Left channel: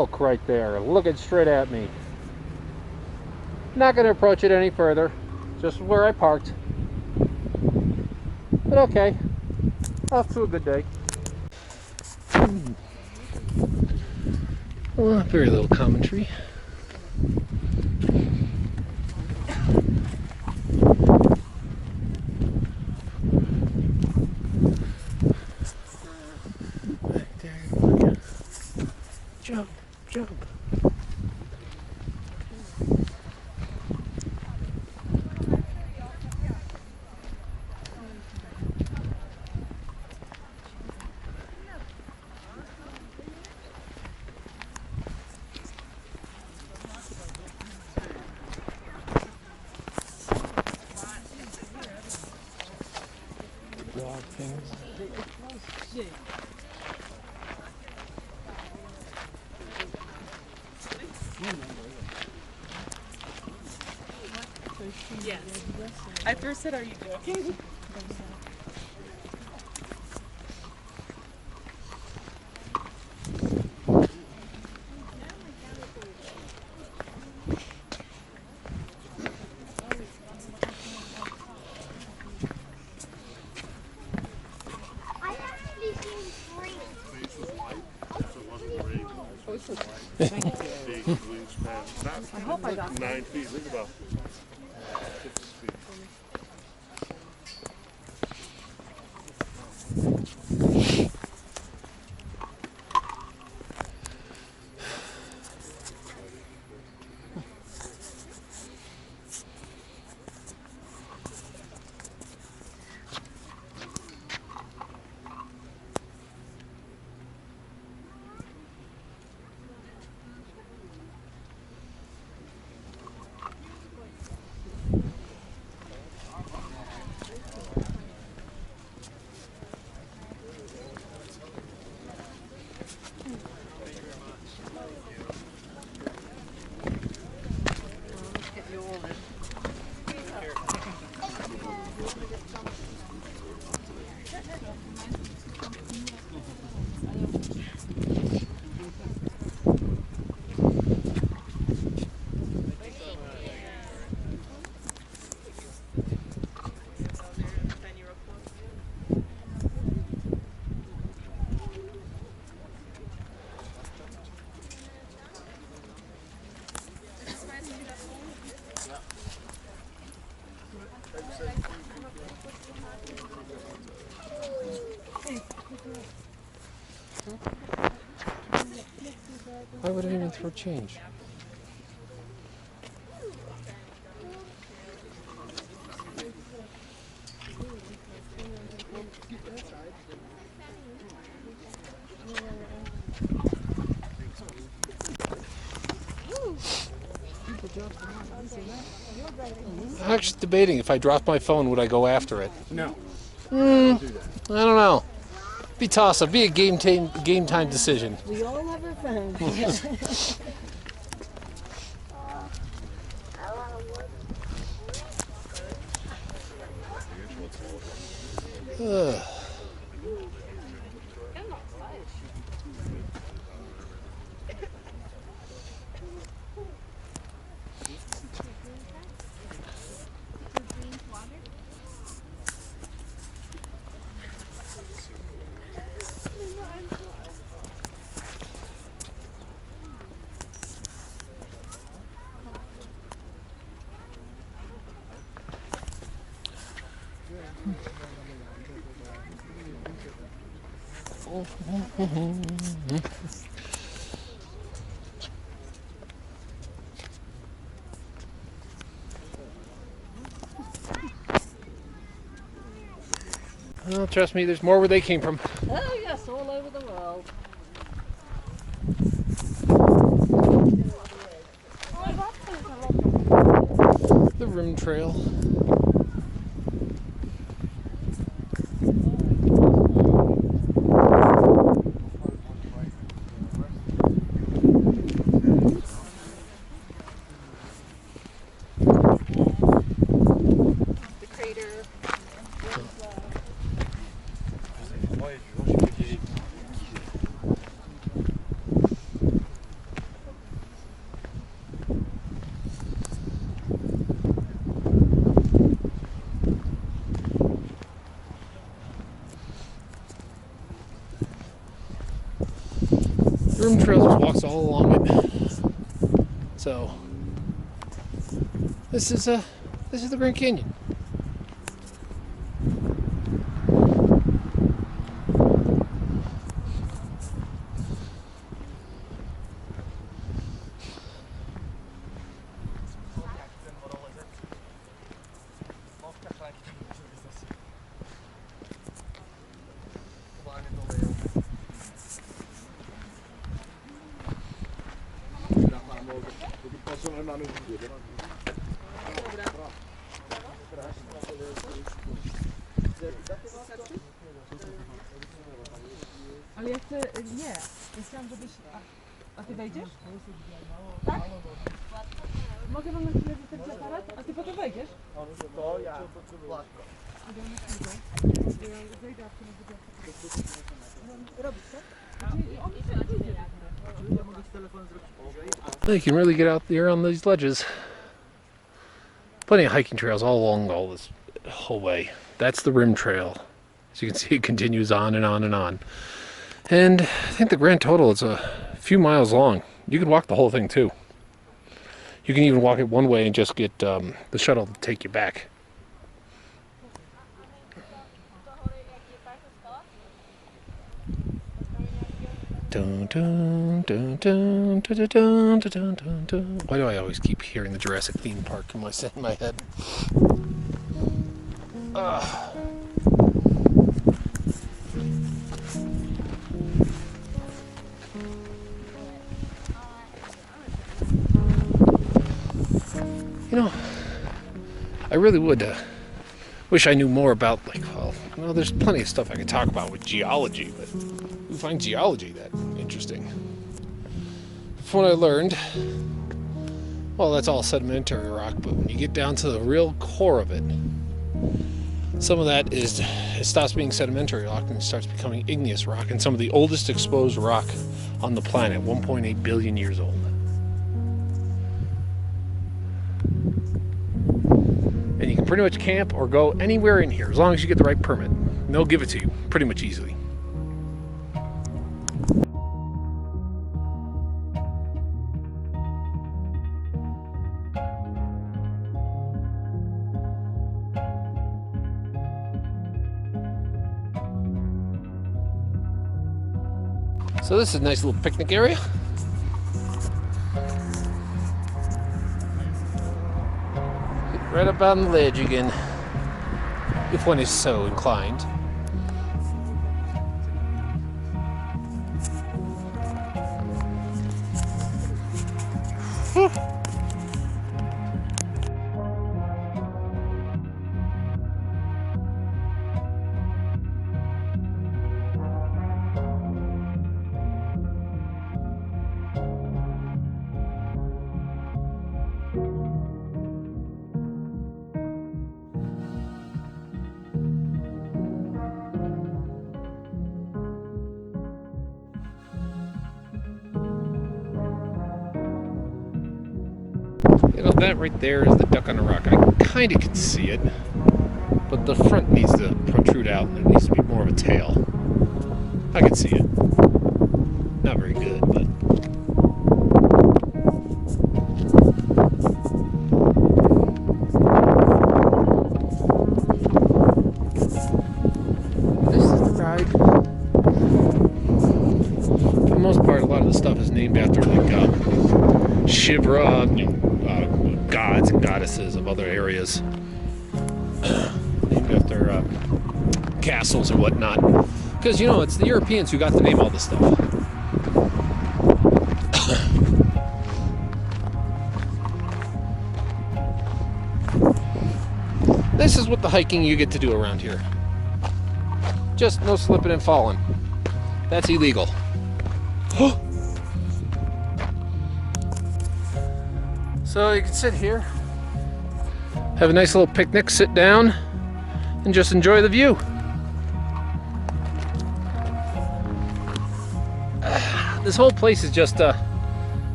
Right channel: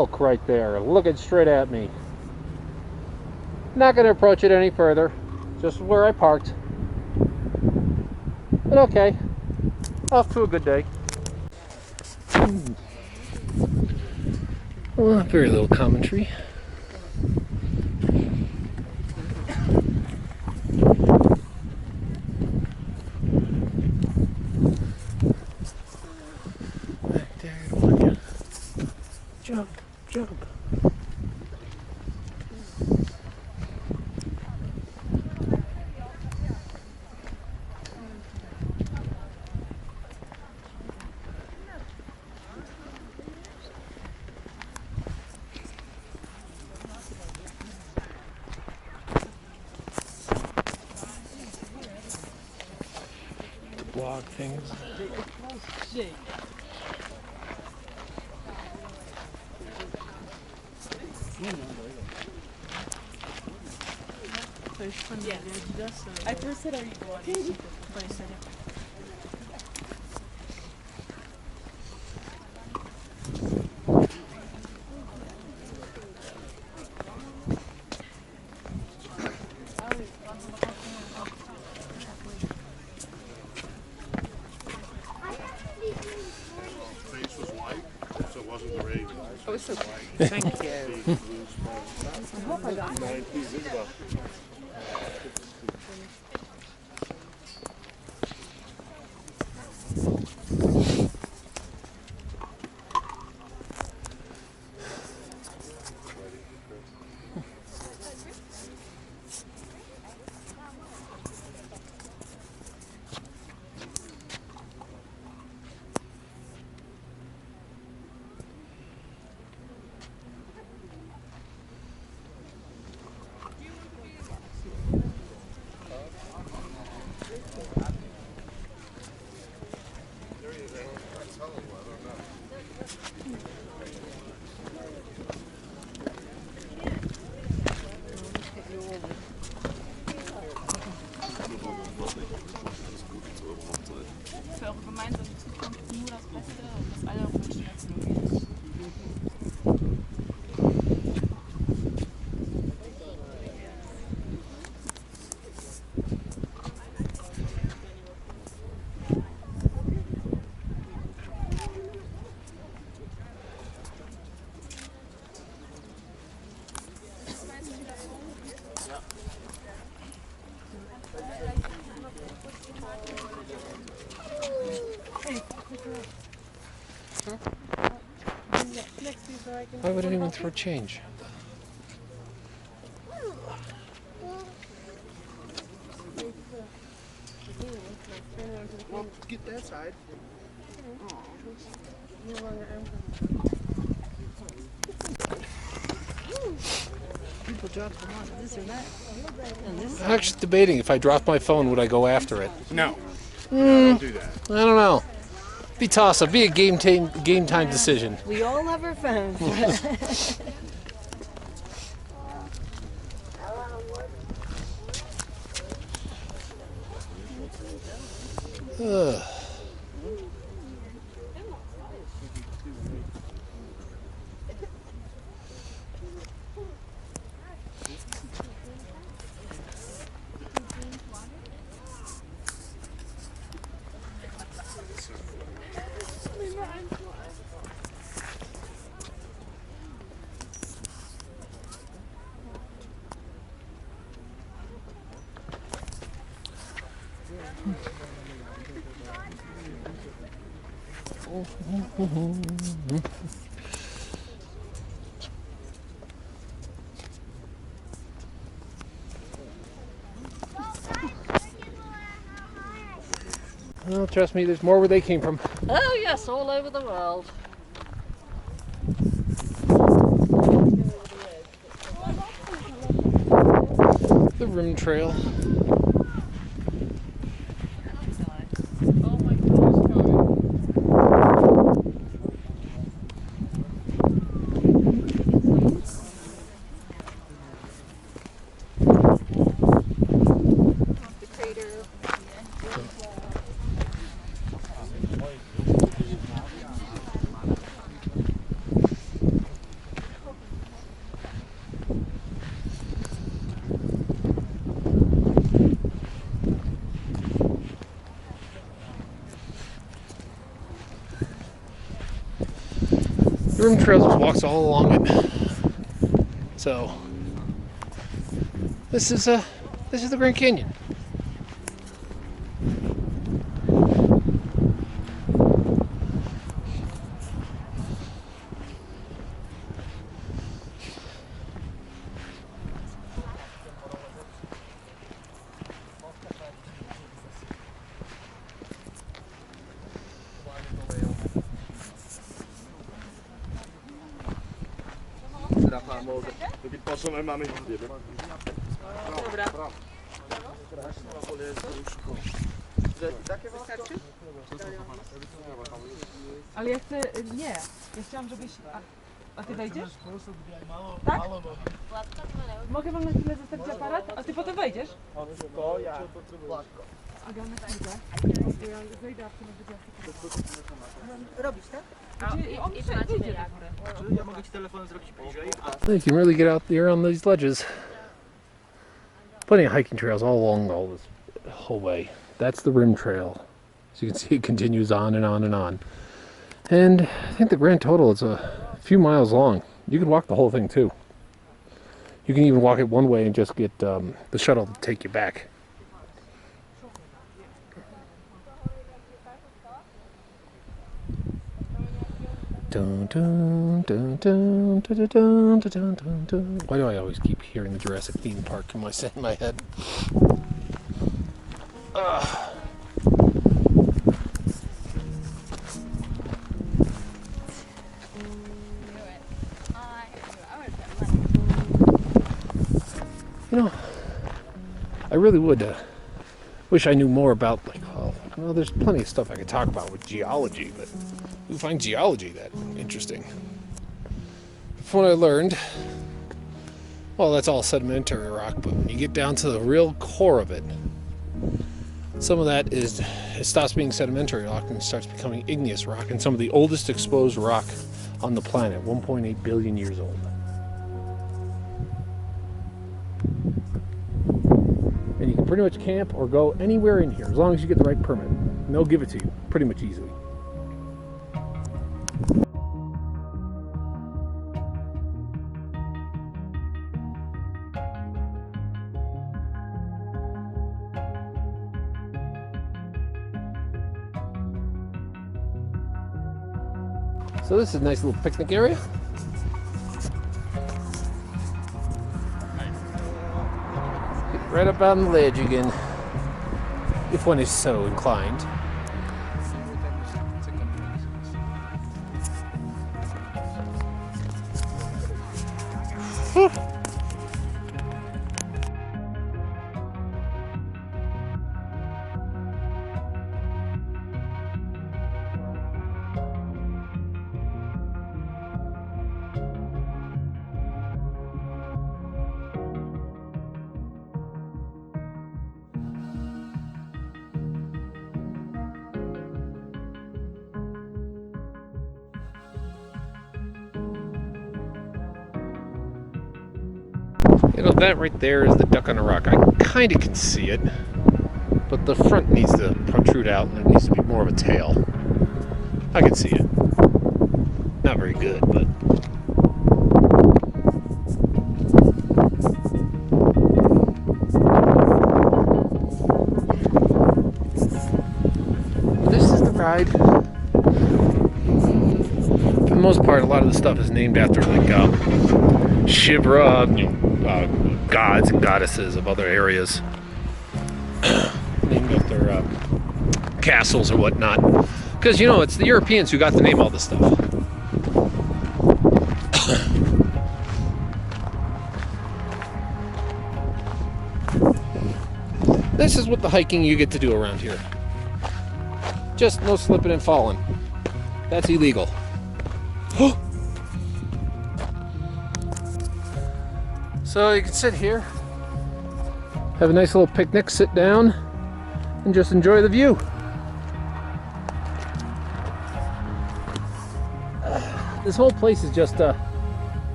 Look right there, looking straight at me. Not going to approach it any further. Just where I parked. But okay. Off to a good day. Well, very little commentary. Back there, I don't want you. Jump, jump. Blog things. Yes. I first said, are you walking? Thank you. I hope I got 9 feet. Think about 6 feet. Why would anyone throw change? Well, get that side. I'm actually debating if I dropped my phone, would I go after it? No. Don't do that. I don't know. Be toss-up. Be a game time decision. We all have our phones. Ugh. Well, trust me, there's more where they came from. Oh yes, all over the world. The rim trail. The crater. Rim Trails just walks all along it. So this is the Grand Canyon. Mamy widzę. Ale ja chcę, nie. Ja chciałam, żebyś... A ty wejdziesz? Tak? Mogę wam na chwilę zostawić aparat? A ty potem wejdziesz? To ja. A ja na chwilę. Ja wejdę, a ty robisz, tak? Znaczy, on wyjdzie na górę. Ja mogę ci telefon zrobić bliżej. You can really get out there on these ledges. Plenty of hiking trails all along all this whole way. That's the Rim Trail. As you can see, it continues on and on and on. And I think the grand total is a few miles long. You can walk the whole thing too. You can even walk it one way and just get the shuttle to take you back. Dun, dun, dun, dun, dun, dun, dun, dun, dun, dun. Why do I always keep hearing the Jurassic theme park in my head? You know, I really would wish I knew more about, like, well, there's plenty of stuff I could talk about with geology, but who finds geology that interesting? From what I learned, well, that's all sedimentary rock, but when you get down to the real core of it, some of that it stops being sedimentary rock and starts becoming igneous rock, and some of the oldest exposed rock on the planet, 1.8 billion years old. And you can pretty much camp or go anywhere in here as long as you get the right permit. And they'll give it to you pretty much easily. So this is a nice little picnic area. Right up on the ledge again, if one is so inclined. You know, that right there is the duck on a rock. I kind of can see it, but the front needs to protrude out and there needs to be more of a tail. I can see it. Not very good, but... This is the ride. For the most part, a lot of the stuff is named after, like, Shivra, you know, gods and goddesses of other areas, named after castles or whatnot. Because, you know, it's the Europeans who got to name all this stuff. This is what the hiking you get to do around here. Just no slipping and falling. That's illegal. So you can sit here, have a nice little picnic, sit down, and just enjoy the view. This whole place is just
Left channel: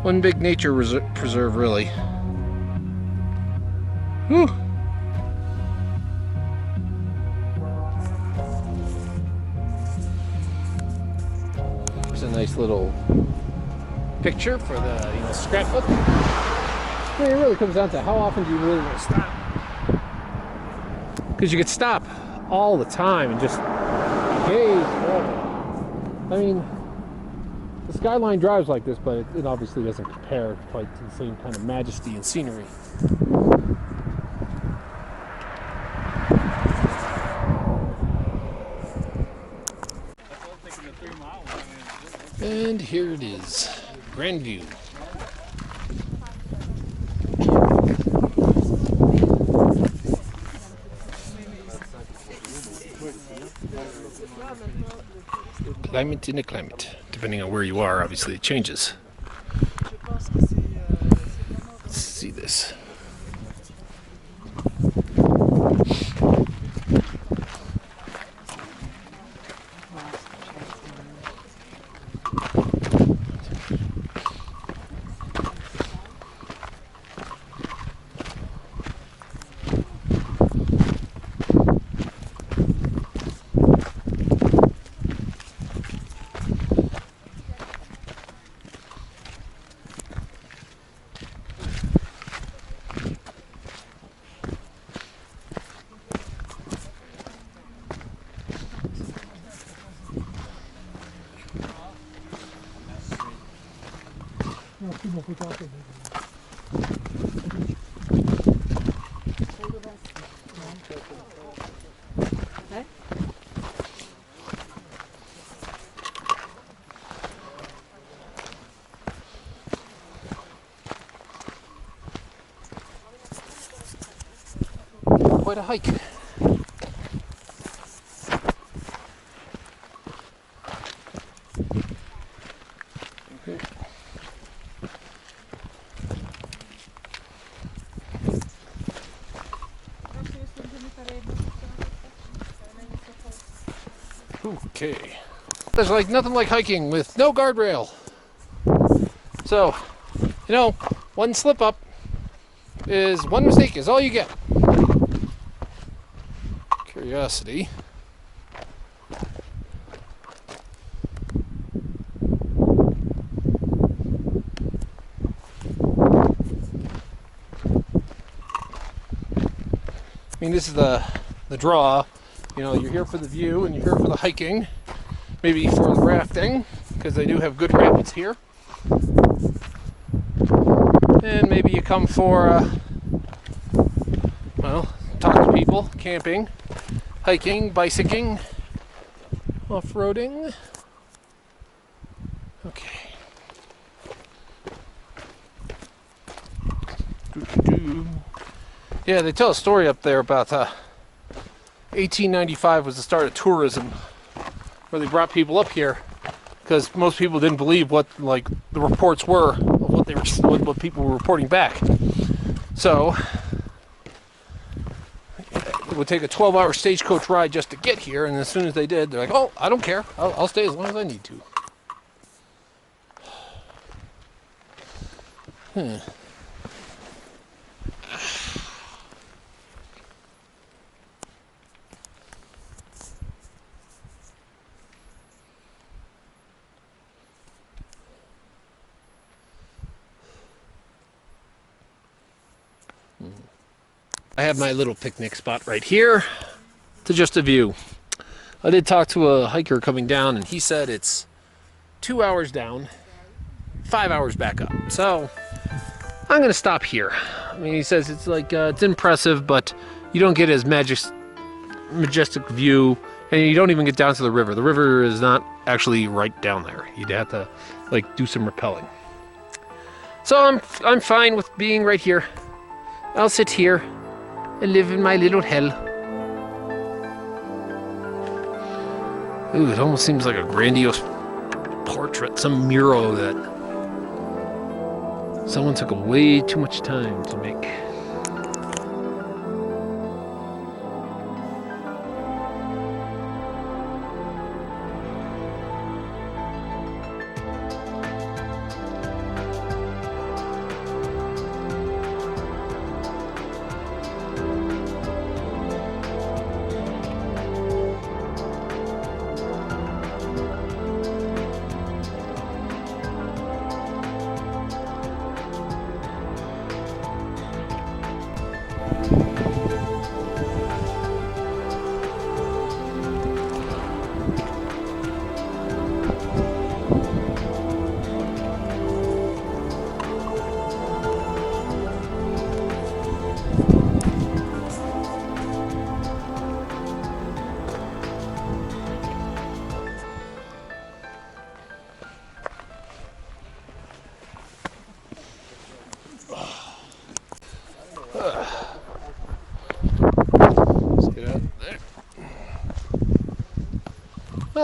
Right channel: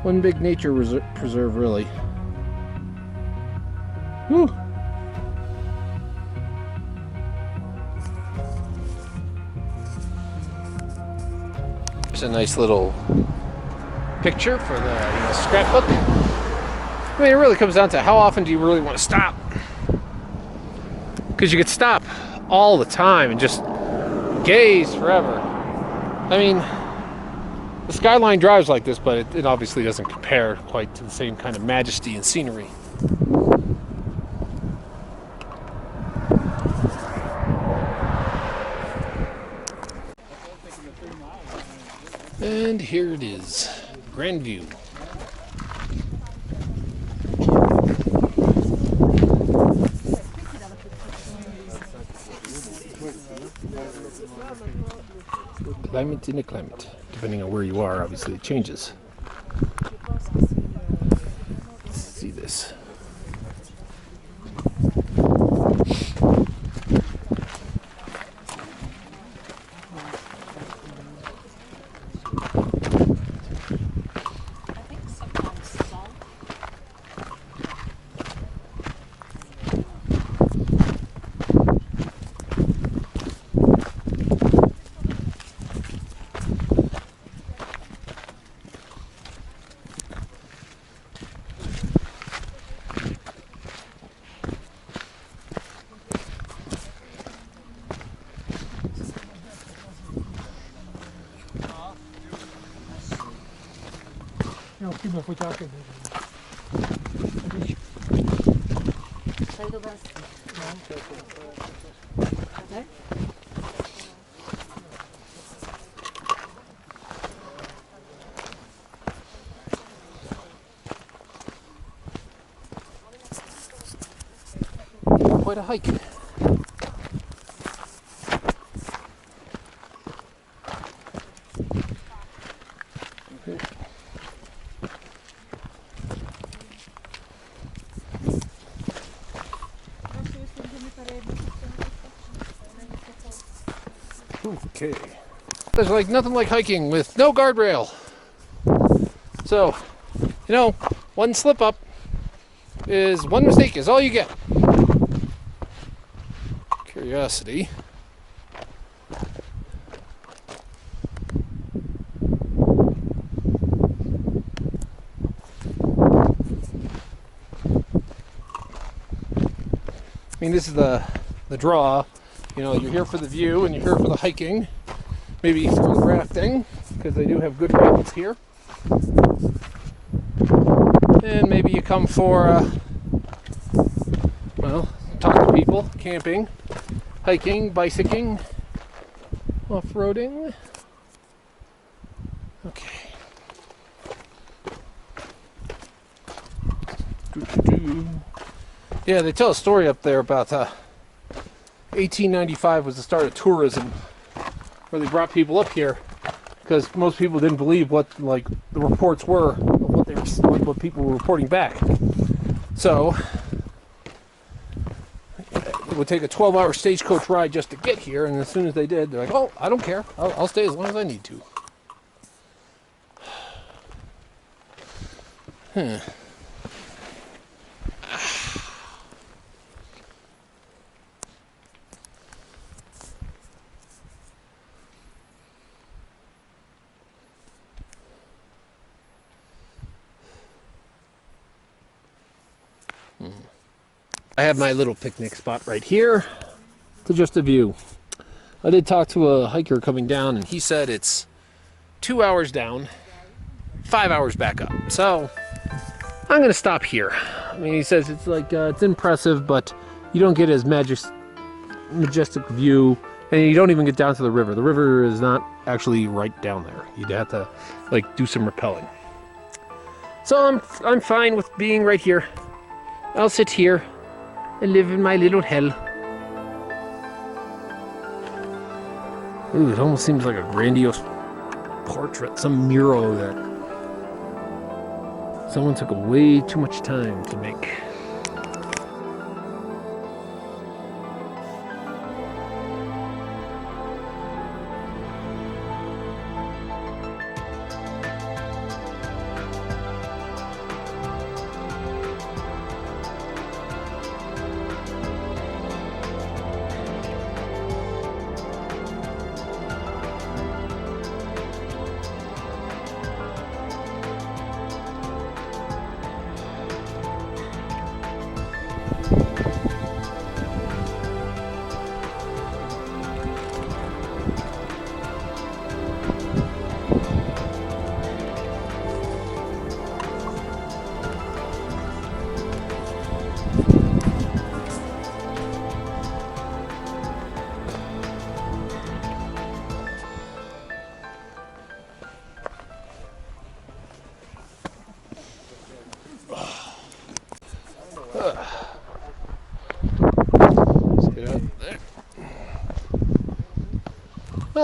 one big nature preserve, really. Whew. There's a nice little picture for the scrapbook. I mean, it really comes down to how often do you really want to stop? Because you could stop all the time and just gaze forever. I mean, the Skyline drives like this, but it obviously doesn't compare quite to the same kind of majesty and scenery. And here it is, Grandview. Climate in a climate. Depending on where you are, obviously it changes. Let's see this. Quite a hike. Okay. There's like nothing like hiking with no guardrail. So, one slip up is one mistake is all you get. Curiosity. I mean, this is the draw. You're here for the view and you're here for the hiking, maybe for the rafting, because they do have good rapids here. And maybe you come for, talk to people, camping, hiking, bicycling, off-roading. Okay. Yeah, they tell a story up there about 1895 was the start of tourism, where they brought people up here because most people didn't believe what the reports were of what people were reporting back. So it would take a 12-hour stagecoach ride just to get here, and as soon as they did, they're like, "Oh, I don't care. I'll stay as long as I need to." I have my little picnic spot right here to just a view. I did talk to a hiker coming down, and he said it's 2 hours down, 5 hours back up. So I'm gonna stop here. I mean, he says it's it's impressive, but you don't get as majestic view, and you don't even get down to the river. The river is not actually right down there. You'd have to do some rappelling. So I'm fine with being right here. I'll sit here and live in my little hell. Ooh, it almost seems like a grandiose portrait, some mural that someone took way too much time to make.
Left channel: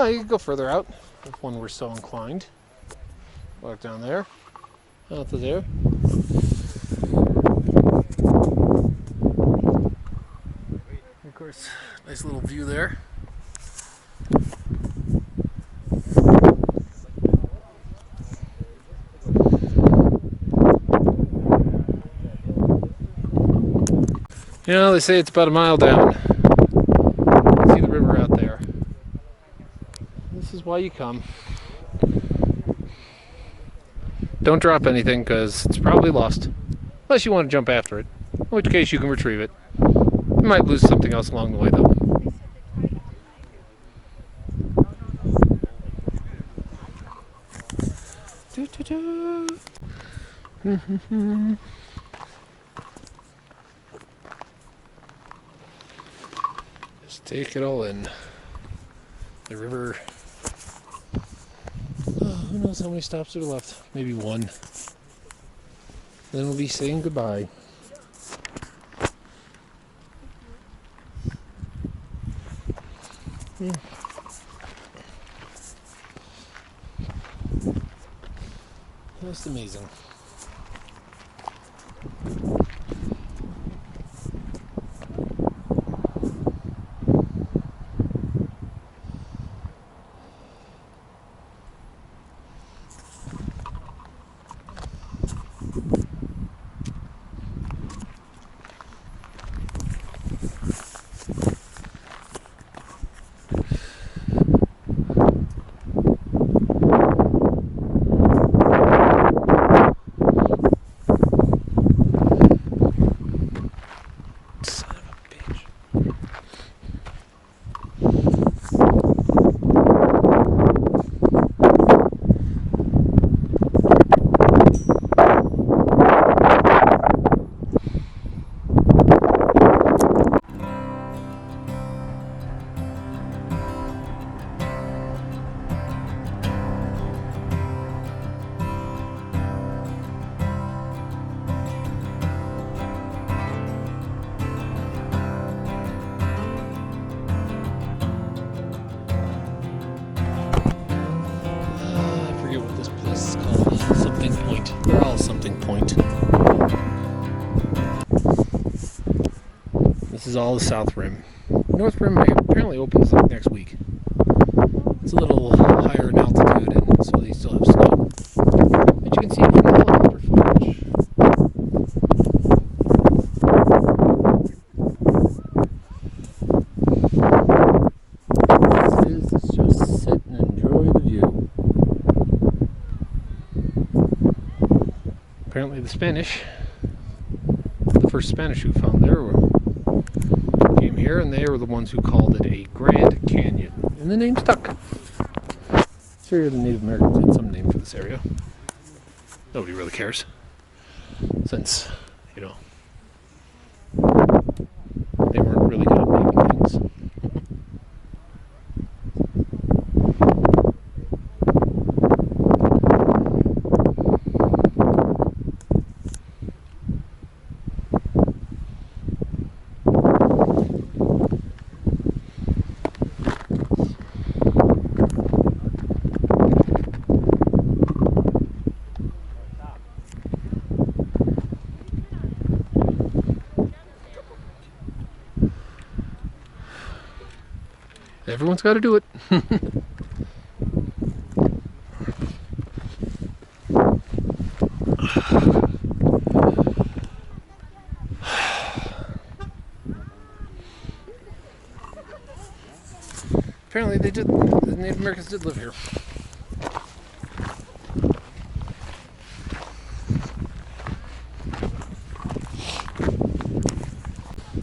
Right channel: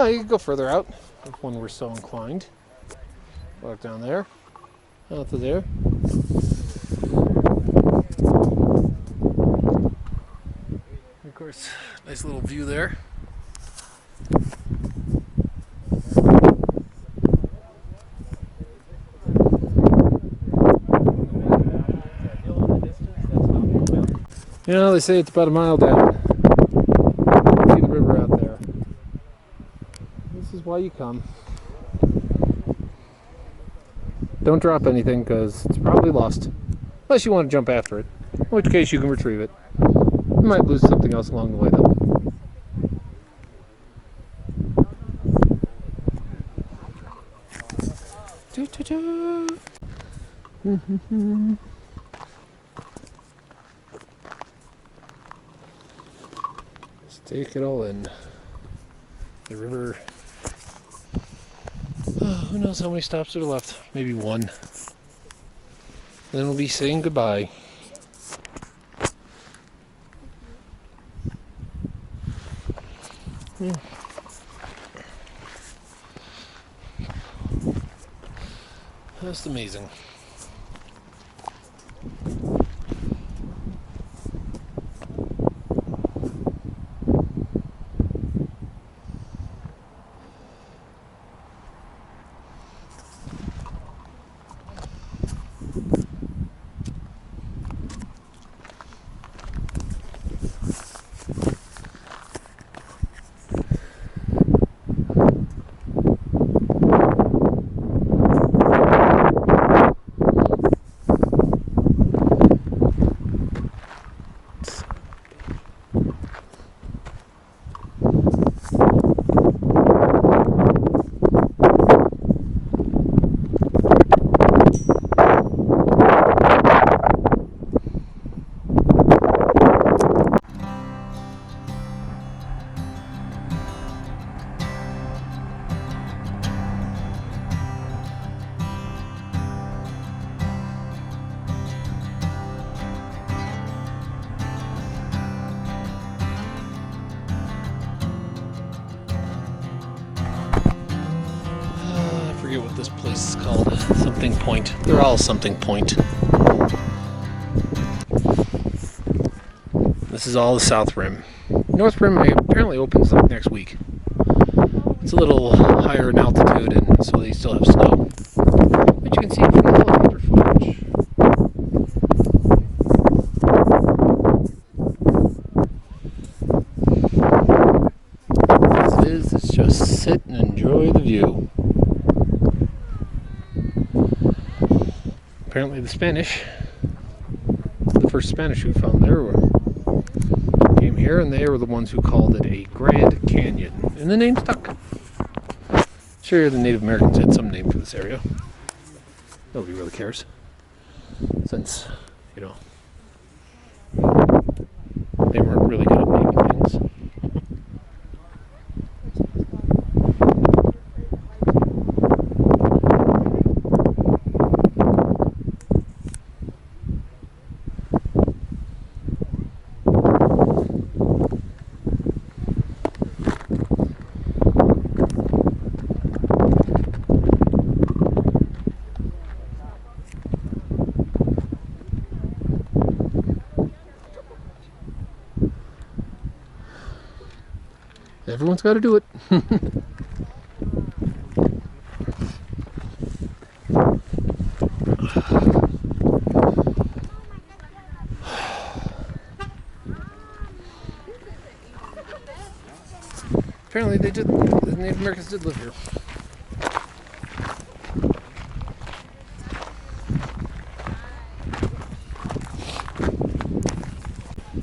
Oh, you could go further out if one were so inclined. Walk down there, out to there. Of course, nice little view there. You know, they say it's about a mile down. See the river out there. This is why you come. Don't drop anything because it's probably lost. Unless you want to jump after it. In which case you can retrieve it. You might lose something else along the way though. Just take it all in. The river. Oh, who knows how many stops are left? Maybe one. Then we'll be saying goodbye. That's amazing. What this place is called. Something Point. They're all Something Point. This is all the South Rim. North Rim apparently opens like next week. It's a little higher in altitude and so they still have snow. But you can see it from the helicopter footage. As it is, it's just sit and enjoy the view. Apparently the first Spanish who found there came here and they were the ones who called it a Grand Canyon. And the name stuck. Sure, the Native Americans had some name for this area. Nobody really cares. Since, you know, they weren't really good at naming things. Everyone's got to do it. Apparently they did, the Native Americans did live here.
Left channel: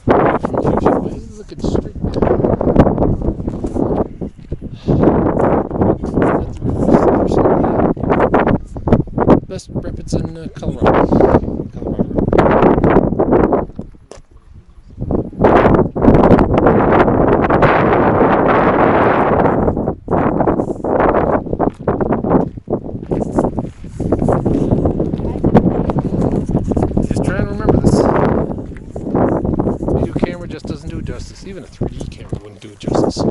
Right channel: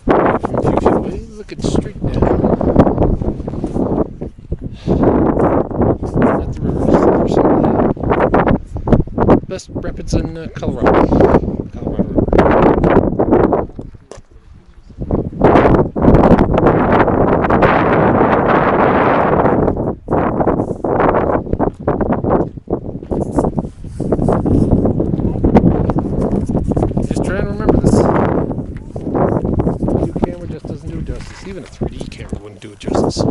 From a few feet away, looking straight down at the river. There's some of the best rapids in Colorado. Colorado River. Try and remember this. Video camera just doesn't do it justice. Even a 3D camera wouldn't do it justice.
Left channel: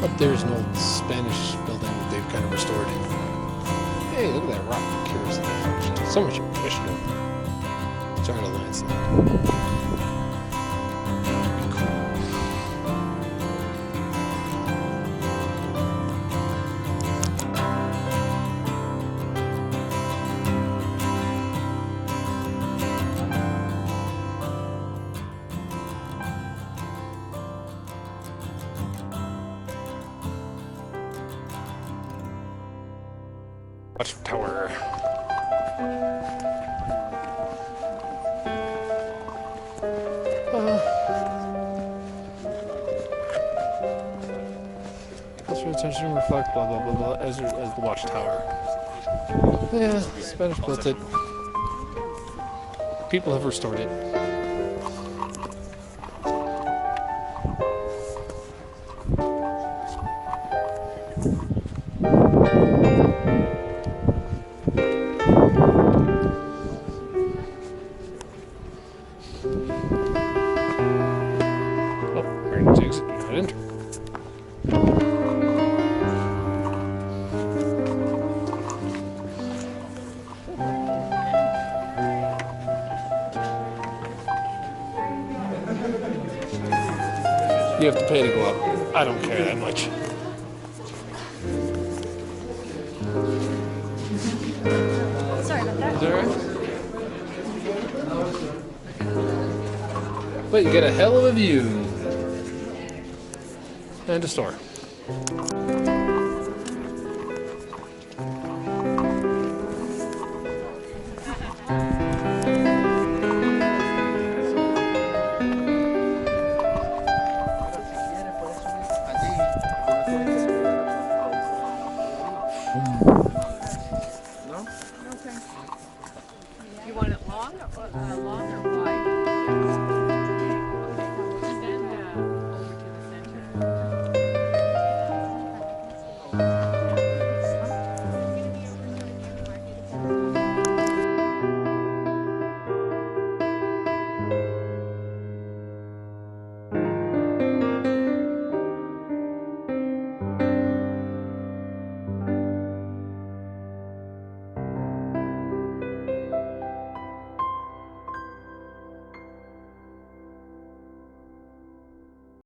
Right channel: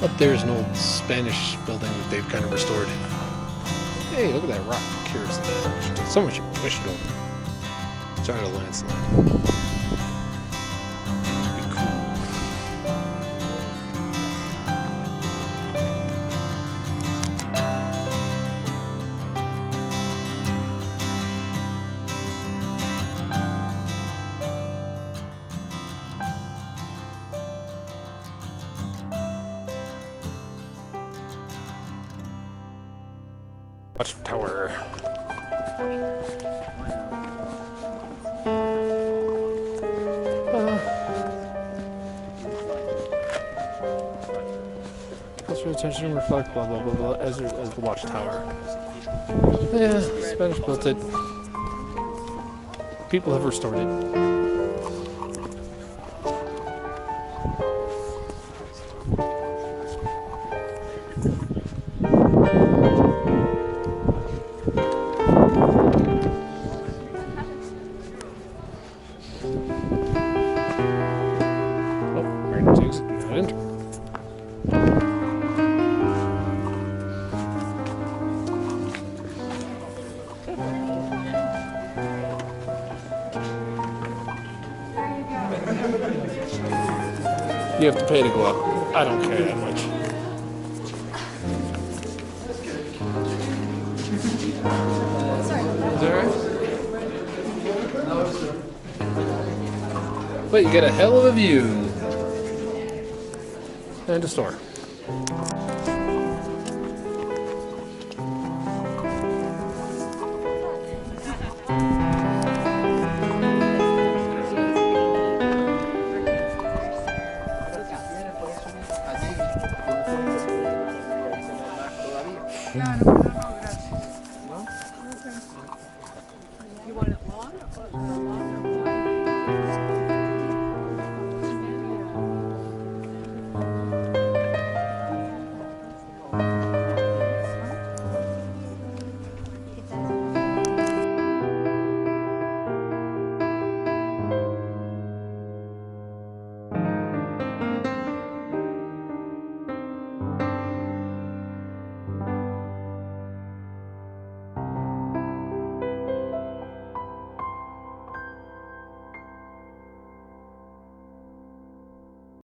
Up there's an old Spanish building that they've kind of restored. Hey, look at that rock curiously arched. Someone should push it over. Start a landslide. Be cool. Watchtower. Cultural attention reflect blah blah blah blah as the watchtower. Yeah, Spanish built it. People have restored it. Oh, Brandon's exit, do not enter. You have to pay to go up. I don't care that much. Sorry about that. Is that right? But you get a hell of a view. And a store. Allí,